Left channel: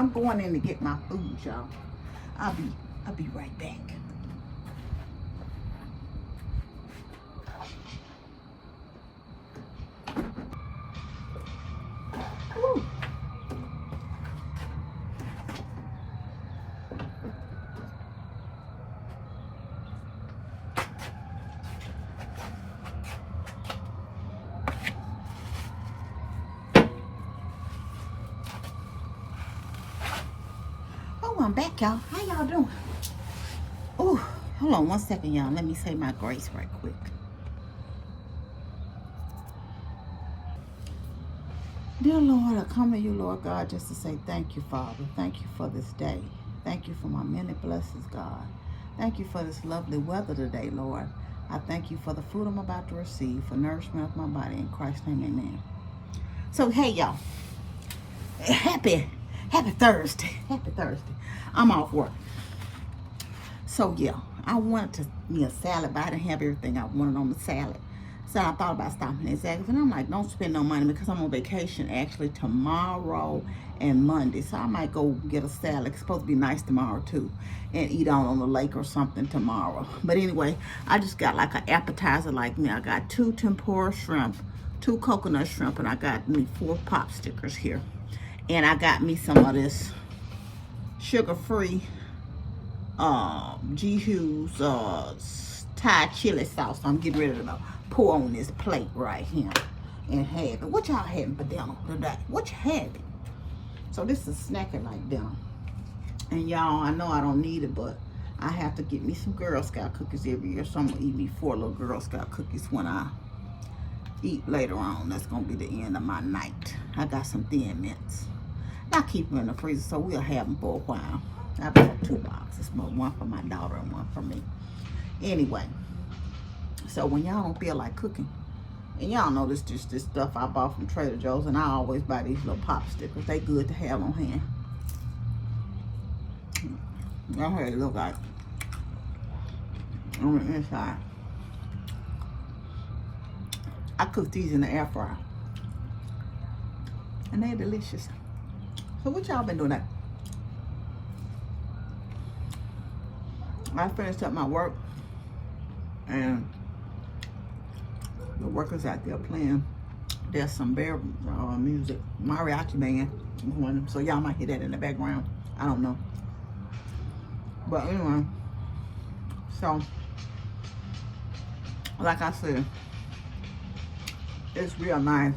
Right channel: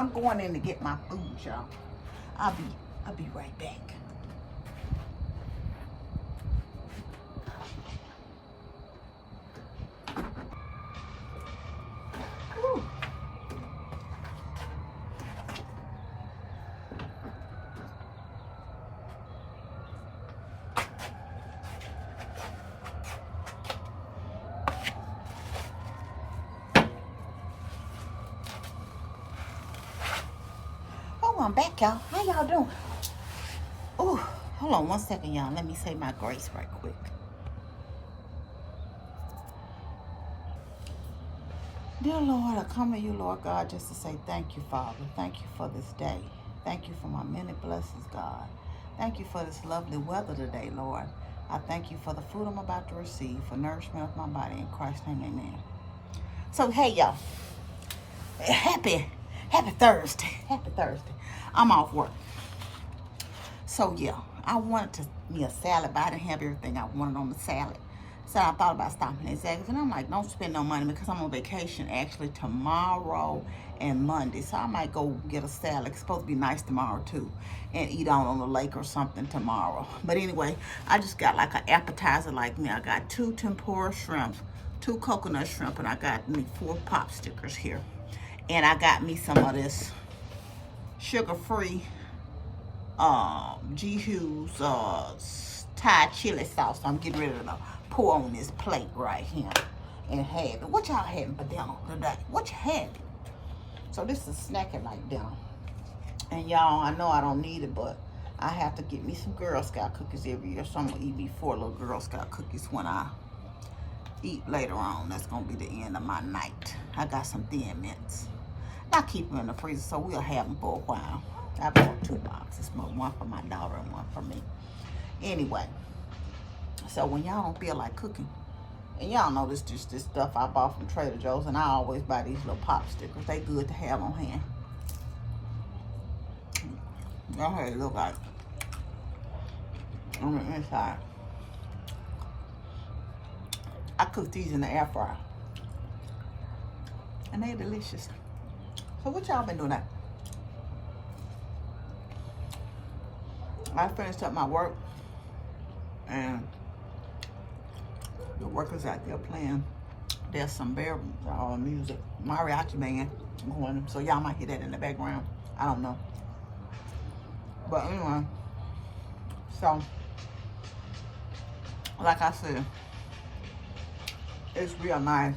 I'm going in to get my food, y'all. I'll be right back. Woo. Oh, I'm back, y'all. How y'all doing? Ooh, hold on 1 second, y'all. Let me say my grace right quick. Dear Lord, I come to you, Lord God, just to say thank you, Father. Thank you for this day. Thank you for my many blessings, God. Thank you for this lovely weather today, Lord. I thank you for the food I'm about to receive, for nourishment of my body. In Christ's name, amen. So, hey, y'all. Happy Thursday. Happy Thursday. I'm off work. So, yeah, I wanted to me a salad, but I didn't have everything I wanted on the salad. So I thought about stopping at Zaxby's, and I'm like, don't spend no money because I'm on vacation actually tomorrow and Monday. So I might go get a salad. It's supposed to be nice tomorrow too, and eat out on the lake or something tomorrow. But anyway, I just got like an appetizer like me. I got 2 tempura shrimp, 2 coconut shrimp, and I got me 4 pop stickers here. And I got me some of this sugar-free G. Hughes Thai chili sauce. I'm getting ready to pour on this plate right here and have it. What y'all having for dinner today? What you having? So this is snacking like dinner. And y'all, I know I don't need it, but I have to get me some Girl Scout cookies every year. So I'm gonna eat me 4 little Girl Scout cookies when I eat later on. That's gonna be the end of my night. I got some Thin Mints. I keep them in the freezer so we'll have them for a while. I bought 2 boxes, one for my daughter and one for me. Anyway, so when y'all don't feel like cooking, and y'all know this just this stuff I bought from Trader Joe's, and I always buy these little pop stickers. They good to have on hand. Y'all heard it look like on the inside. I cook these in the air fryer, and they're delicious. So what y'all been doing that? I finished up my work, and the workers out there playing. There's some bear music, mariachi band going, so y'all might hear that in the background. I don't know, but anyway, so like I said, it's real nice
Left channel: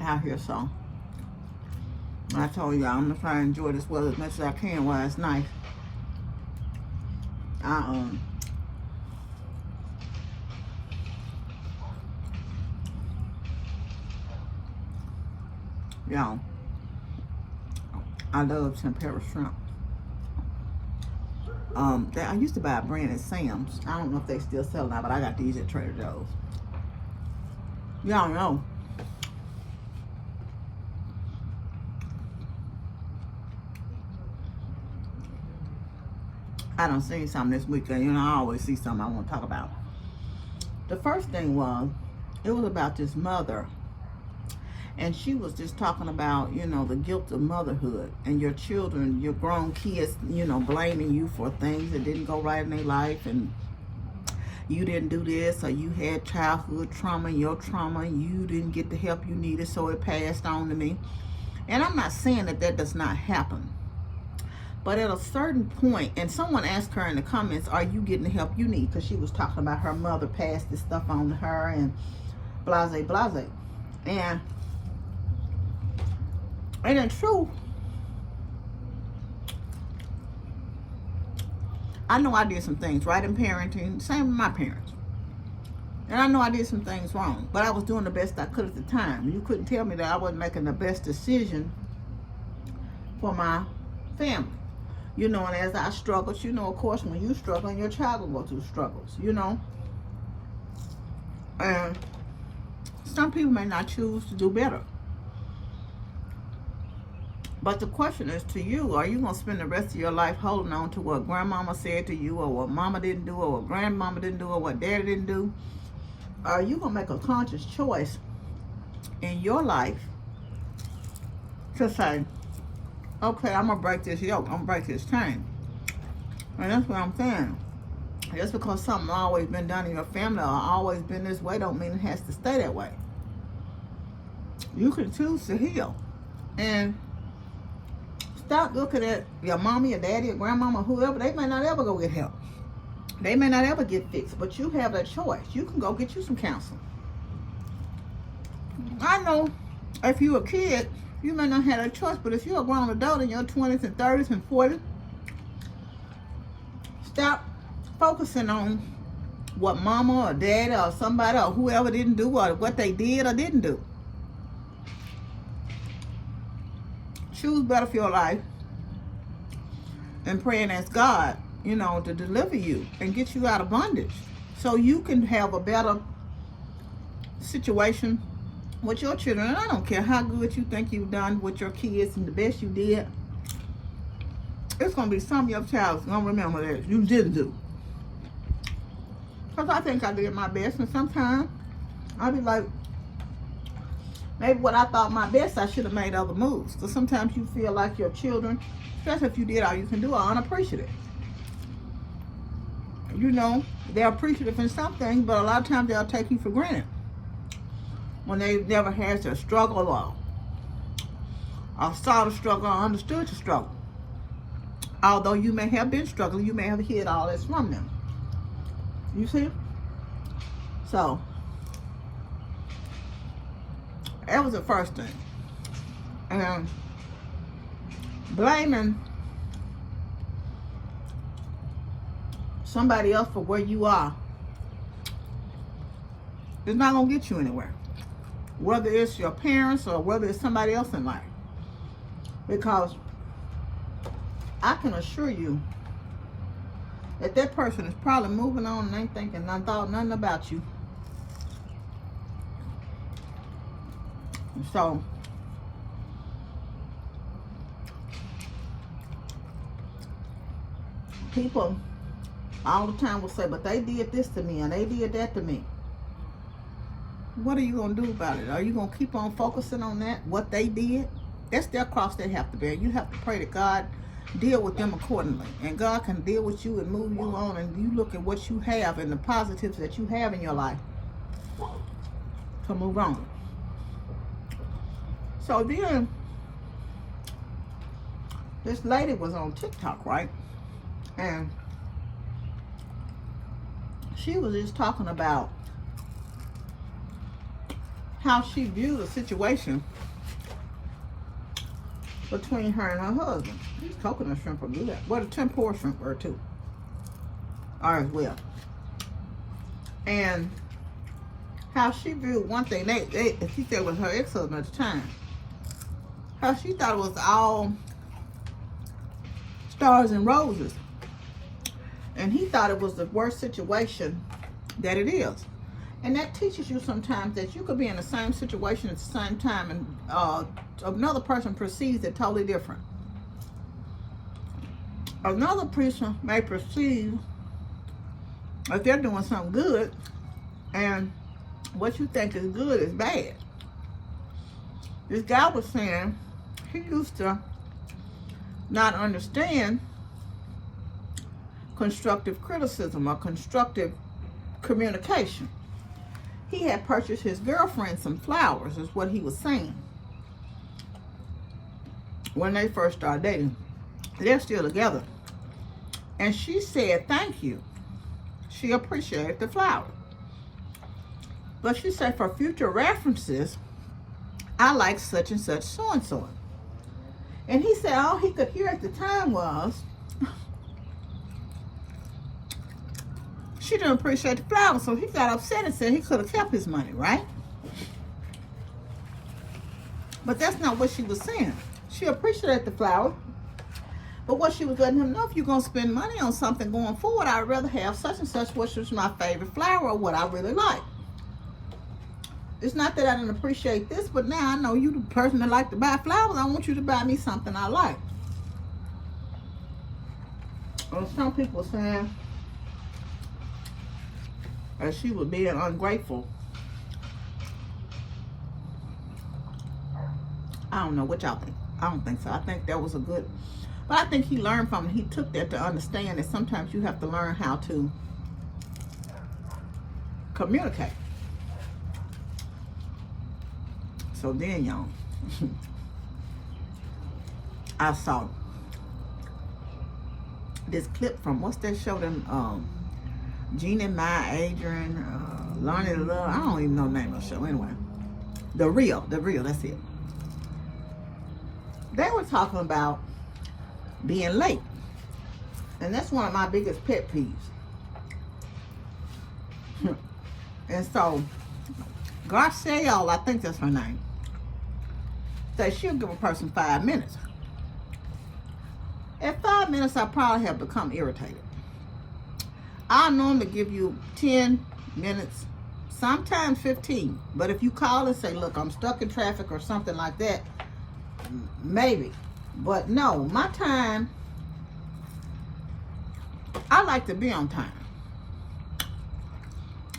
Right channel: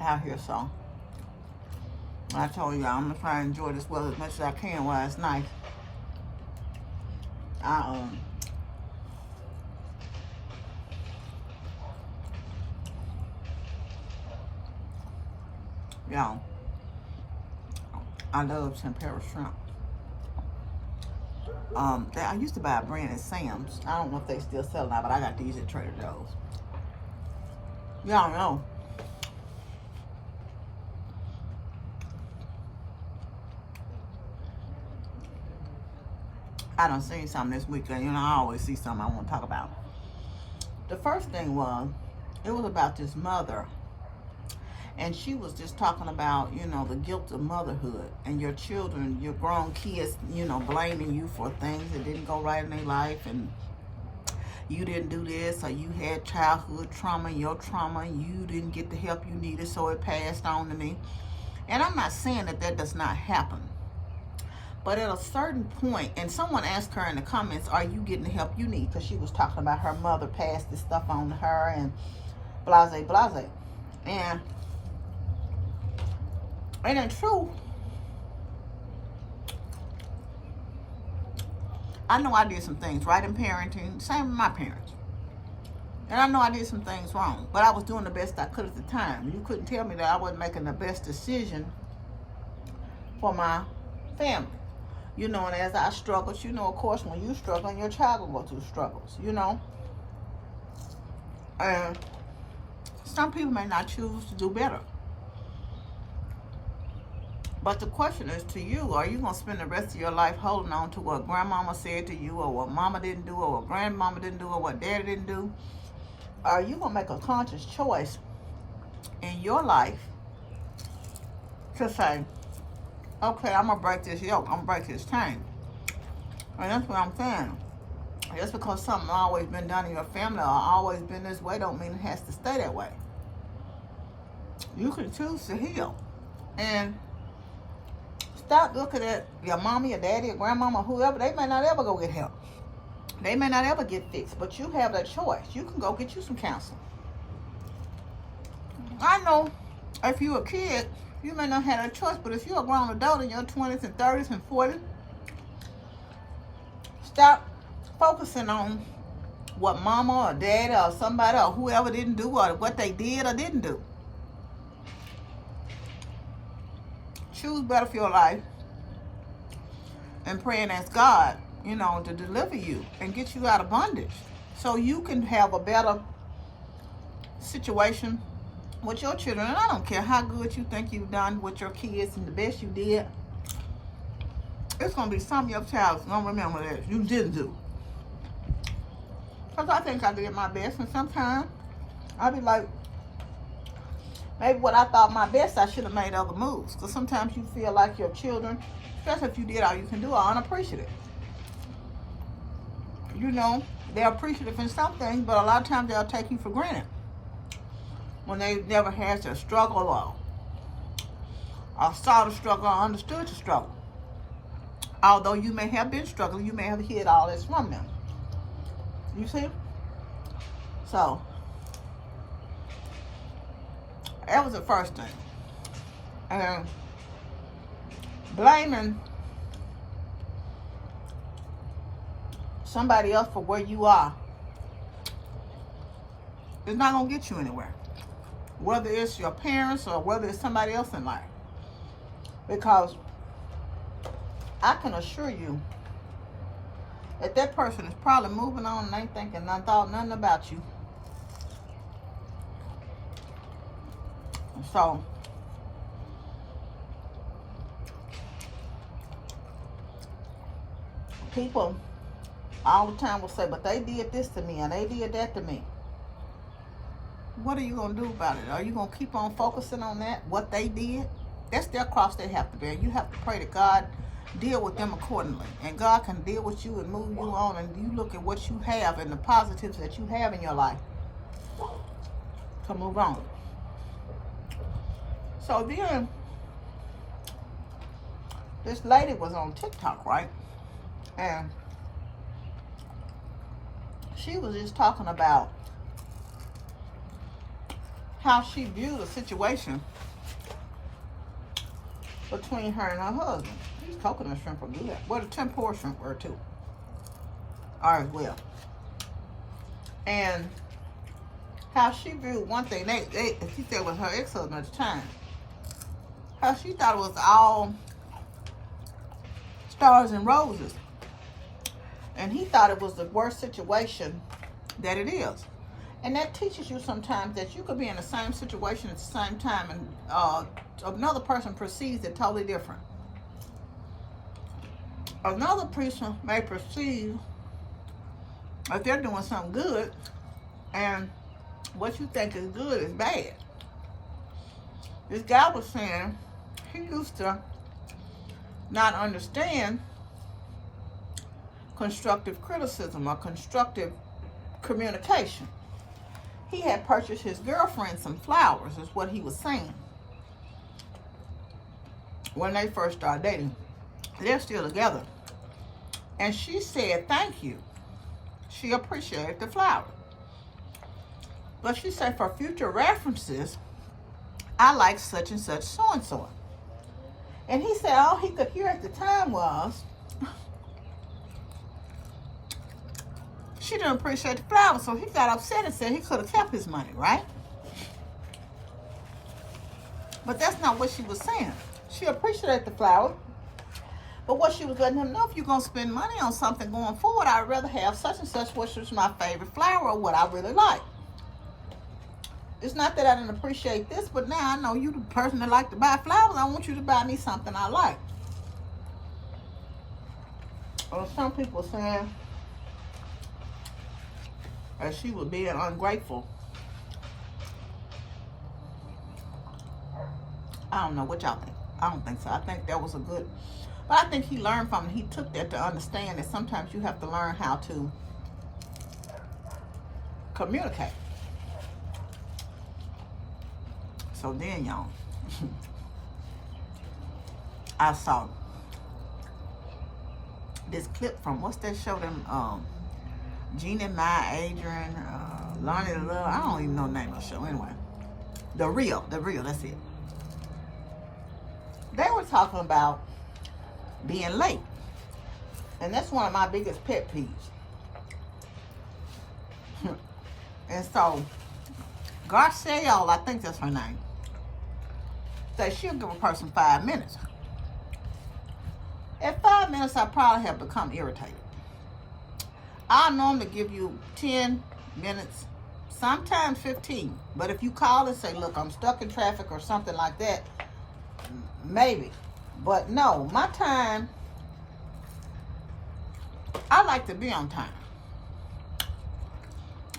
out here. So I told y'all I'm gonna try to enjoy this weather as much as I can while it's nice. Yeah, I love tempura shrimp. I used to buy a brand at Sam's. I don't know if they still sell it now, but I got these at Trader Joe's. Y'all know I done seen something this weekend. You know, I always see something I want to talk about. The first thing was, it was about this mother. And she was just talking about, you know, the guilt of motherhood and your children, your grown kids, you know, blaming you for things that didn't go right in their life, and you didn't do this, or you had childhood trauma, your trauma, you didn't get the help you needed, so it passed on to me. And I'm not saying that that does not happen. But at a certain point, and someone asked her in the comments, are you getting the help you need? Because she was talking about her mother passed this stuff on to her and blase, blase. And in truth, I know I did some things right in parenting, same with my parents. And I know I did some things wrong, but I was doing the best I could at the time. You couldn't tell me that I wasn't making the best decision for my family. You know, and as I struggled, you know, of course, when you struggle, your child will go through struggles, you know. And some people may not choose to do better. But the question is to you, are you going to spend the rest of your life holding on to what grandmama said to you, or what mama didn't do, or what grandmama didn't do, or what daddy didn't do? Or are you going to make a conscious choice in your life to say, okay, I'm gonna break this yoke, I'm gonna break this chain. And that's what I'm saying. Just because something always been done in your family or always been this way don't mean it has to stay that way. You can choose to heal. And stop looking at your mommy, your daddy, your grandmama, whoever. They may not ever go get help. They may not ever get fixed, but you have that choice. You can go get you some counseling. I know if you're a kid, you may not have a choice, but if you're a grown adult in your 20s and 30s and 40s, stop focusing on what mama or daddy or somebody or whoever didn't do or what they did or didn't do. Choose better for your life and pray and ask God, you know, to deliver you and get you out of bondage so you can have a better situation with your children. And I don't care how good you think you've done with your kids and the best you did. It's going to be some of your child's going to remember that you didn't do. Because I think I did my best. And sometimes I'll be like, maybe what I thought my best, I should have made other moves. Because sometimes you feel like your children, especially if you did all you can do, are unappreciative. You know, they're appreciative in some things, but a lot of times they'll take you for granted. When they never had to struggle or saw the struggle or understood the struggle. Although you may have been struggling, you may have hid all this from them. You see? So, that was the first thing. And blaming somebody else for where you are is not going to get you anywhere. Whether it's your parents or whether it's somebody else in life. Because I can assure you that that person is probably moving on and ain't thinking nothing, thought nothing about you. So, people all the time will say, but they did this to me and they did that to me. What are you going to do about it? Are you going to keep on focusing on that, what they did? That's their cross they have to bear. You have to pray that God deal with them accordingly. And God can deal with you and move you on. And you look at what you have and the positives that you have in your life to move on. So then, this lady was on TikTok, right? And she was just talking about how she viewed the situation between her and her husband. These coconut shrimp are good. Well, the tempura shrimp were too. Are as well. And how she viewed one thing, she said it was her ex-husband at the time. How she thought it was all stars and roses. And he thought it was the worst situation that it is. And that teaches you sometimes that you could be in the same situation at the same time and another person perceives it totally different. Another person may perceive if they're doing something good and what you think is good is bad. This guy was saying he used to not understand constructive criticism or constructive communication. He had purchased his girlfriend some flowers, is what he was saying. When they first started dating. They're still together. And she said, thank you. She appreciated the flowers. But she said, for future references, I like such and such so-and-so. And he said all he could hear at the time was, she didn't appreciate the flowers, so he got upset and said he could have kept his money, right? But that's not what she was saying. She appreciated the flowers, but what she was letting him know, if you're going to spend money on something going forward, I'd rather have such and such, which was my favorite flower or what I really like. It's not that I didn't appreciate this, but now I know you the person that like to buy flowers. I want you to buy me something I like. Or some people saying that she was being ungrateful. I don't know what y'all think. I don't think so. I think that was a good, but I think he learned from it. He took that to understand that sometimes you have to learn how to communicate. So then, y'all, I saw this clip from, what's that show, them, Gina, Maya, Adrian, Lonnie Love, I don't even know the name of the show, anyway. The Real, that's it. They were talking about being late. And that's one of my biggest pet peeves. And so, Garcelle, I think that's her name, says she'll give a person 5 minutes. At 5 minutes, I probably have become irritated. I normally give you 10 minutes, sometimes 15. But if you call and say, look, I'm stuck in traffic or something like that, maybe. But no, my time, I like to be on time.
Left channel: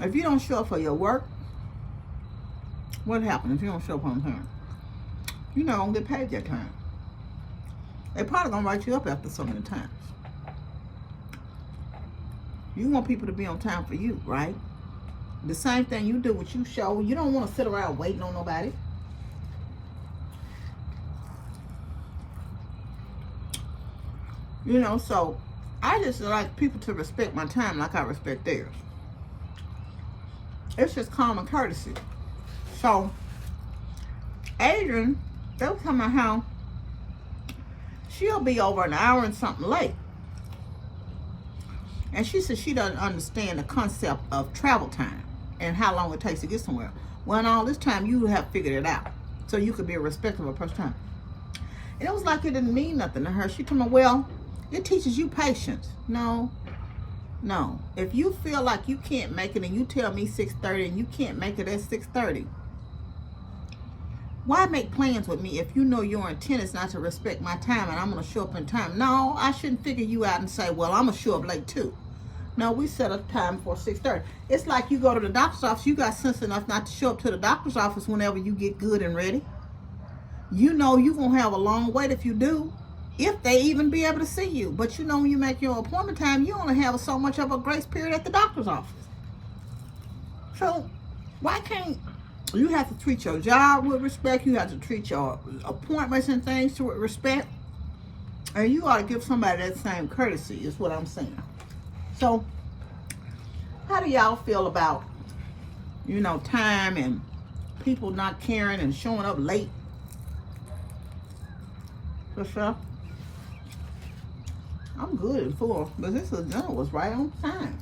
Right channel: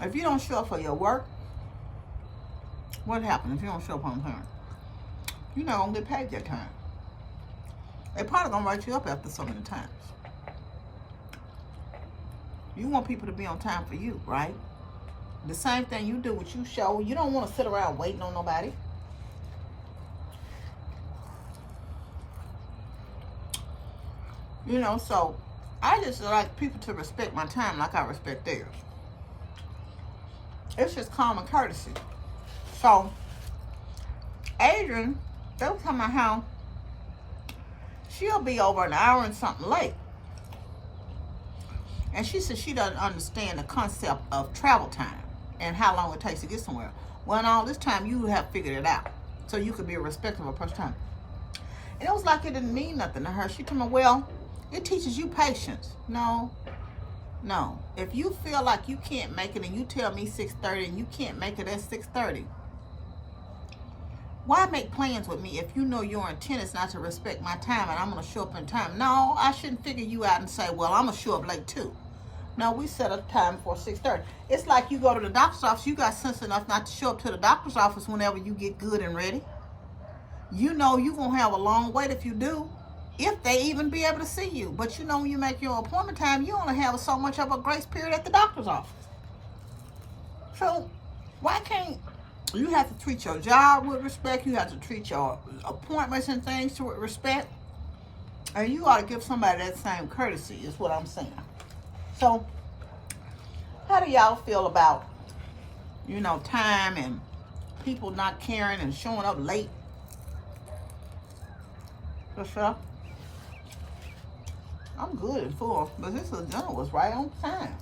If you don't show up for your work, what happens if you don't show up on time? You're not going to get paid that time. They probably going to write you up after so many times. You want people to be on time for you, right? The same thing you do with you show. You don't want to sit around waiting on nobody. You know, so I just like people to respect my time like I respect theirs. It's just common courtesy. So, Adrian, they were talking about how she'll be over an hour and something late. And she said she doesn't understand the concept of travel time and how long it takes to get somewhere. Well, in all this time, you have figured it out. So you could be a respectable person time. And it was like it didn't mean nothing to her. She told me, well, it teaches you patience. No. If you feel like you can't make it and you tell me 6:30 and you can't make it at 6:30, why make plans with me if you know your intent is not to respect my time and I'm going to show up in time? No, I shouldn't figure you out and say, well, I'm going to show up late too. No, we set a time for 6:30. It's like you go to the doctor's office. You got sense enough not to show up to the doctor's office whenever you get good and ready. You know you're going to have a long wait if you do, if they even be able to see you. But you know when you make your appointment time, you only have so much of a grace period at the doctor's office. So why can't you have to treat your job with respect? You have to treat your appointments and things with respect. And you ought to give somebody that same courtesy, is what I'm saying. So, how do y'all feel about, you know, time and people not caring and showing up late? For sure. I'm good and full, but this dinner was right on time.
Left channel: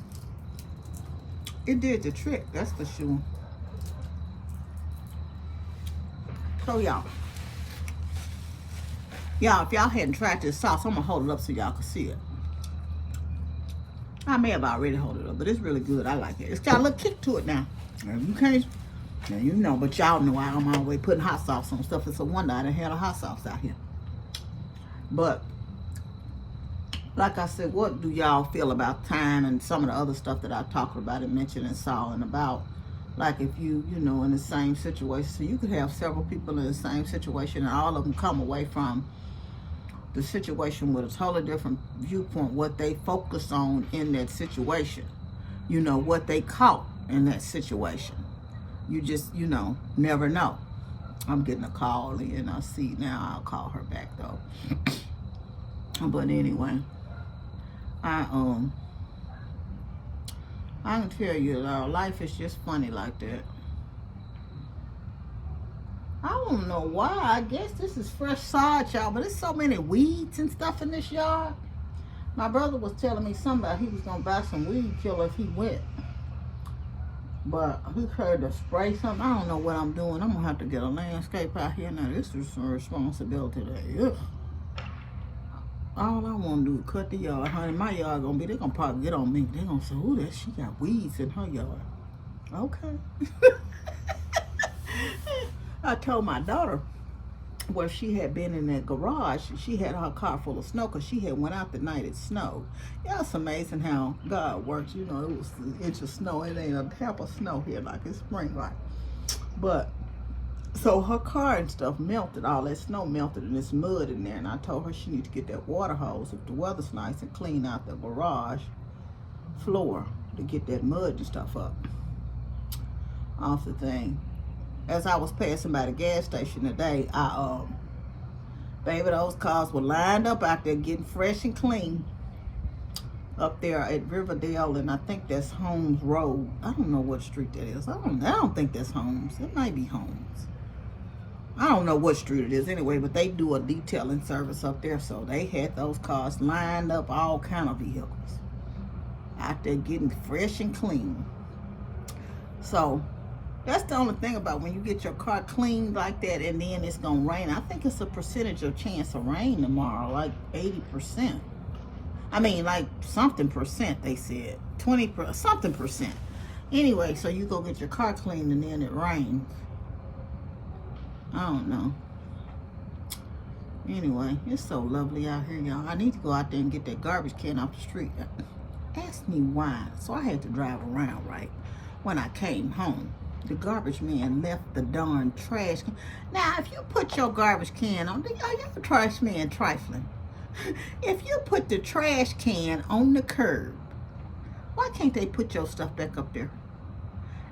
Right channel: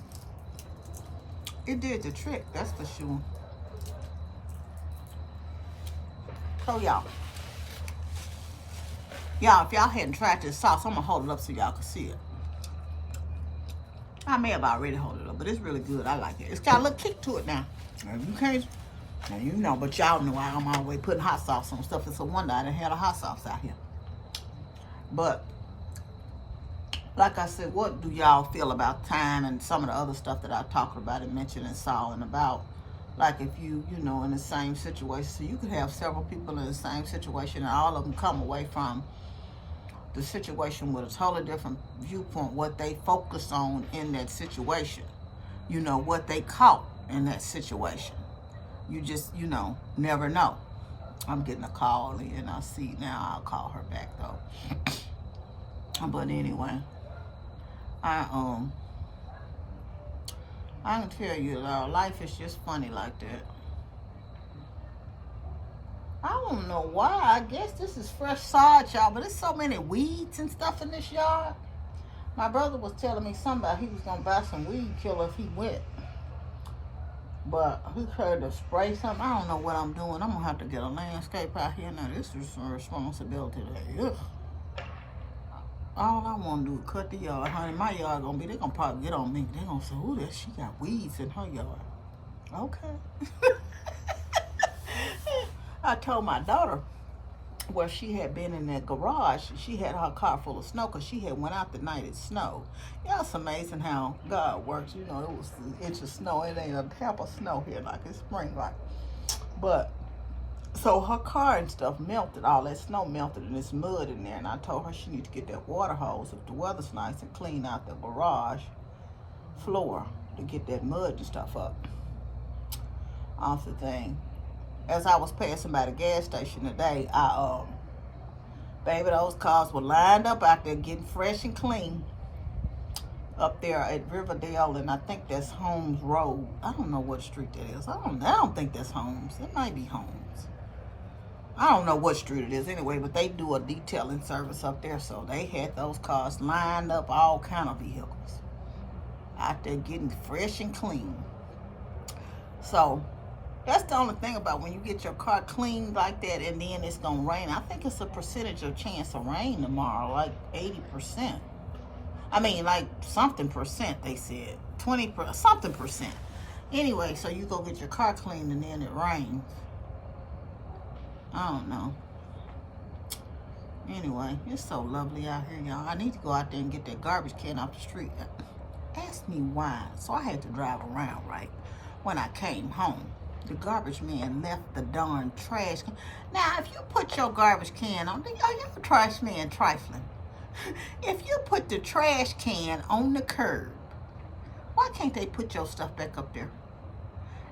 It did the trick, that's for sure. So y'all, if y'all hadn't tried this sauce, I'm gonna hold it up so y'all can see it. I may have already hold it up, but it's really good. I like it. It's got a little kick to it now. You can't, now you know, but y'all know I'm always putting hot sauce on stuff. It's a wonder I done had a hot sauce out here. But like I said, what do y'all feel about time and some of the other stuff that I talked about and mentioned and saw and about? Like if you know, in the same situation, so you could have several people in the same situation and all of them come away from the situation with a totally different viewpoint, what they focused on in that situation, you know, what they caught in that situation. You just, you know, never know. I'm getting a call in, I see now. I'll call her back though. But anyway, I can tell you, life is just funny like that. I don't know why. I guess this is fresh sod, y'all, but there's so many weeds and stuff in this yard. My brother was telling me somebody he was gonna buy some weed killer if he went, but he heard to spray something. I don't know what I'm doing. I'm gonna have to get a landscape out here now. This is some responsibility today. Ugh. All I want to do is cut the yard, honey. My yard gonna be, they're gonna probably get on me. They're gonna say, "Ooh, that she got weeds in her yard." Okay. I told my daughter where she had been in that garage, she had her car full of snow because she had went out the night it snowed. Yeah, it's amazing how God works. You know, it was an inch of snow. It ain't a half of snow here like it's spring, right? But So her car and stuff melted, all that snow melted, and it's mud in there. And I told her she needs to get that water hose if the weather's nice and clean out the garage floor to get that mud and stuff up off the thing. As I was passing by the gas station today, baby, those cars were lined up out there getting fresh and clean up there at Riverdale, and I think that's Holmes Road. I don't know what street that is. I don't think that's Holmes. It might be Holmes. I don't know what street it is anyway, but they do a detailing service up there, so they had those cars lined up, all kind of vehicles out there getting fresh and clean. So that's the only thing about when you get your car cleaned like that and then it's gonna rain. I think it's a percentage of chance of rain tomorrow, like 80%. I mean, like something percent, they said 20%, something percent. Anyway, so you go get your car cleaned and then it rains. I don't know. Anyway, it's so lovely out here, y'all. I need to go out there and get that garbage can off the street. Ask me why. So I had to drive around, right? When I came home, the garbage man left the darn trash can. Now, if you put your garbage can on, are your trash man trifling? If you put the trash can on the curb, why can't they put your stuff back up there?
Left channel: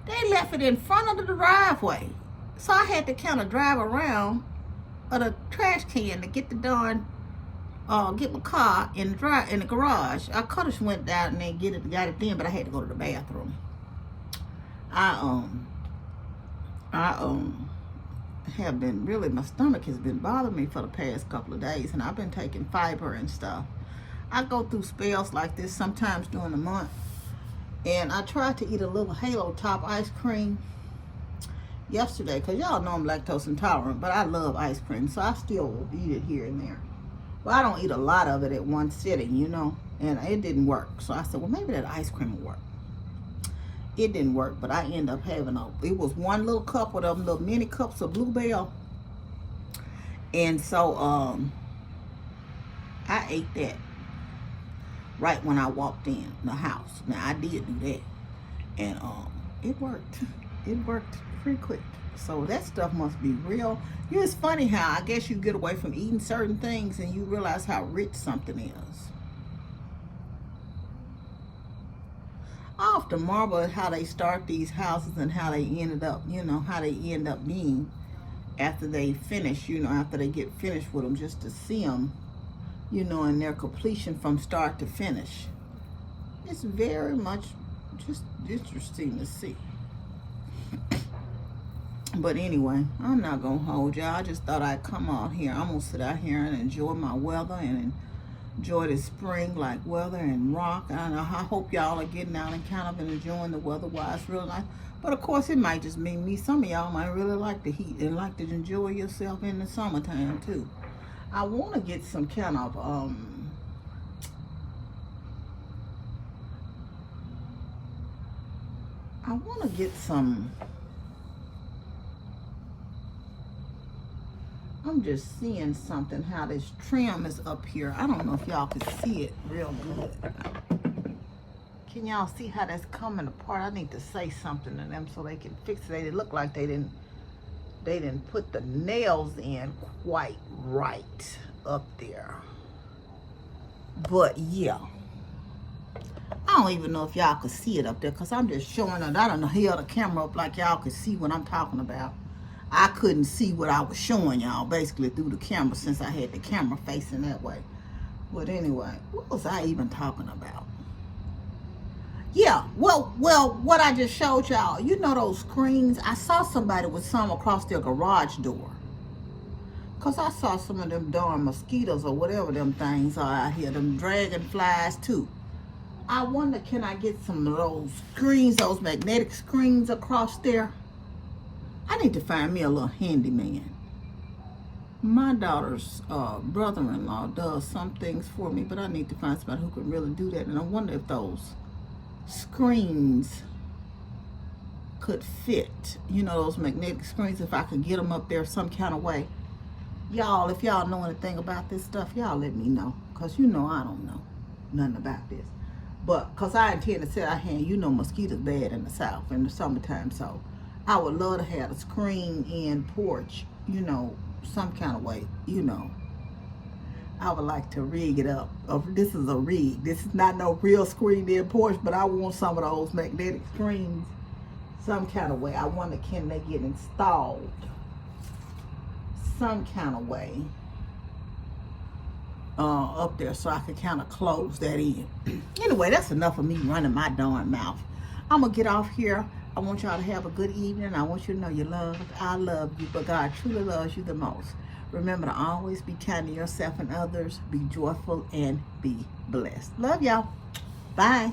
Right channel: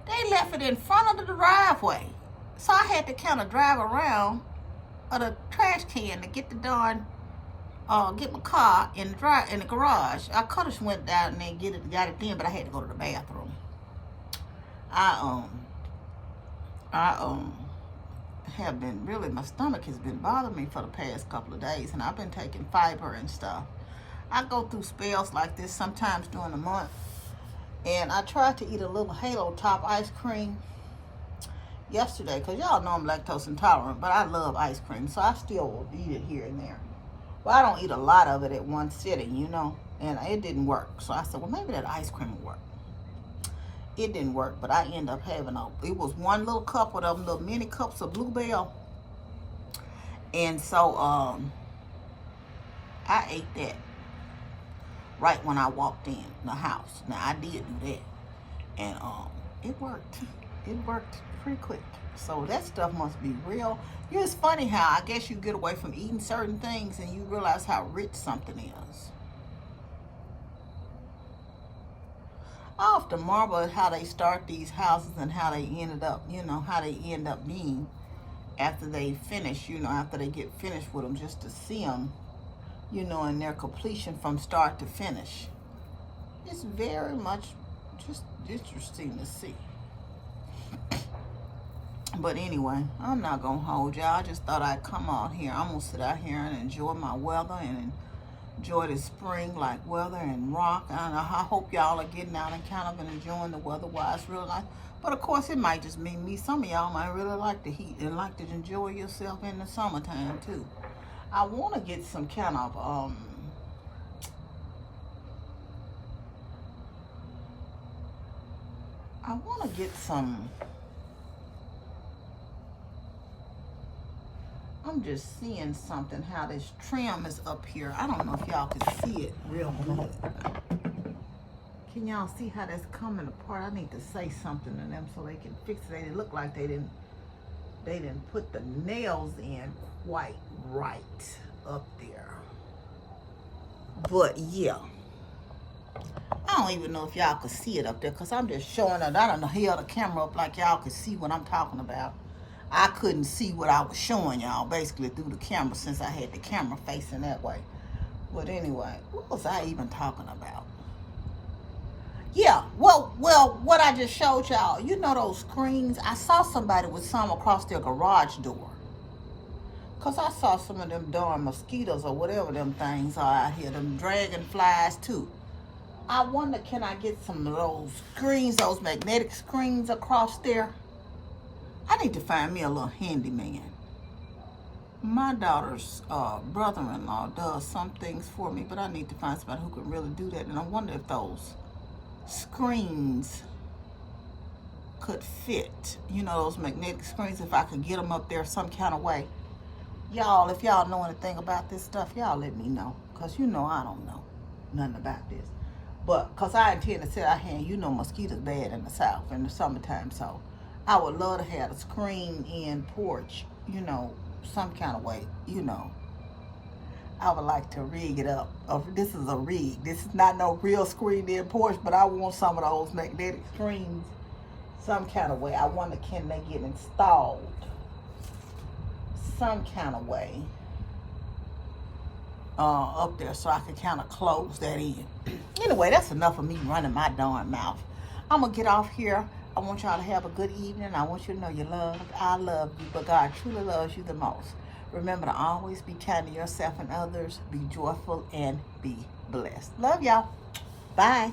They left it in front of the driveway. So I had to kind of drive around the trash can to get the darn, get my car in the garage. I could have went down and then got it then, but I had to go to the bathroom. I have been really, my stomach has been bothering me for the past couple of days, and I've been taking fiber and stuff. I go through spells like this sometimes during the month, and I tried to eat a little Halo Top ice cream yesterday, because y'all know I'm lactose intolerant, but I love ice cream, so I still will eat it here and there. Well, I don't eat a lot of it at one sitting, you know, and it didn't work. So I said, well, maybe that ice cream will work. It didn't work, but I ended up having it was one little cup of them little mini cups of Bluebell. And so I ate that right when I walked in the house. Now, I did do that. And it worked. It worked pretty quick. So that stuff must be real. It's funny how I guess you get away from eating certain things and you realize how rich something is. I often marvel at how they start these houses and how they ended up, you know, how they end up being after they finish, you know, after they get finished with them, just to see them, you know, in their completion from start to finish. It's very much just interesting to see. But anyway, I'm not going to hold y'all. I just thought I'd come out here. I'm going to sit out here and enjoy my weather and enjoy the spring-like weather and rock. And I hope y'all are getting out and kind of enjoying the weather while it's real nice. But of course, it might just mean me. Some of y'all might really like the heat and like to enjoy yourself in the summertime too. I want to get some kind of I'm just seeing something, how this trim is up here. I don't know if y'all can see it real good. Can y'all see how that's coming apart? I need to say something to them so they can fix it. They look like they didn't put the nails in quite right up there. But yeah, I don't even know if y'all could see it up there, because I'm just showing it. I don't know, held the camera up like y'all could see what I'm talking about. I couldn't see what I was showing y'all basically through the camera, since I had the camera facing that way. But anyway, what was I even talking about? Yeah, well, what I just showed y'all, you know those screens? I saw somebody with some across their garage door. Because I saw some of them darn mosquitoes or whatever them things are out here, them dragonflies too. I wonder, can I get some of those screens, those magnetic screens across there? I need to find me a little handyman. My daughter's brother-in-law does some things for me, but I need to find somebody who can really do that. And I wonder if those screens could fit, you know, those magnetic screens, if I could get them up there some kind of way. Y'all, if y'all know anything about this stuff, y'all let me know, because you know I don't know nothing about this. But because I intend to sit out here, and you know mosquitoes bad in the South in the summertime, so I would love to have a screen-in porch, you know, some kind of way, you know. I would like to rig it up. This is a rig. This is not no real screen-in porch, but I want some of those magnetic screens some kind of way. I wonder, can they get installed some kind of way up there so I can kind of close that in. Anyway, that's enough of me running my darn mouth. I'm going to get off here. I want y'all to have a good evening. I want you to know you're loved. I love you, but God truly loves you the most. Remember to always be kind to yourself and others. Be joyful and be blessed. Love y'all. Bye.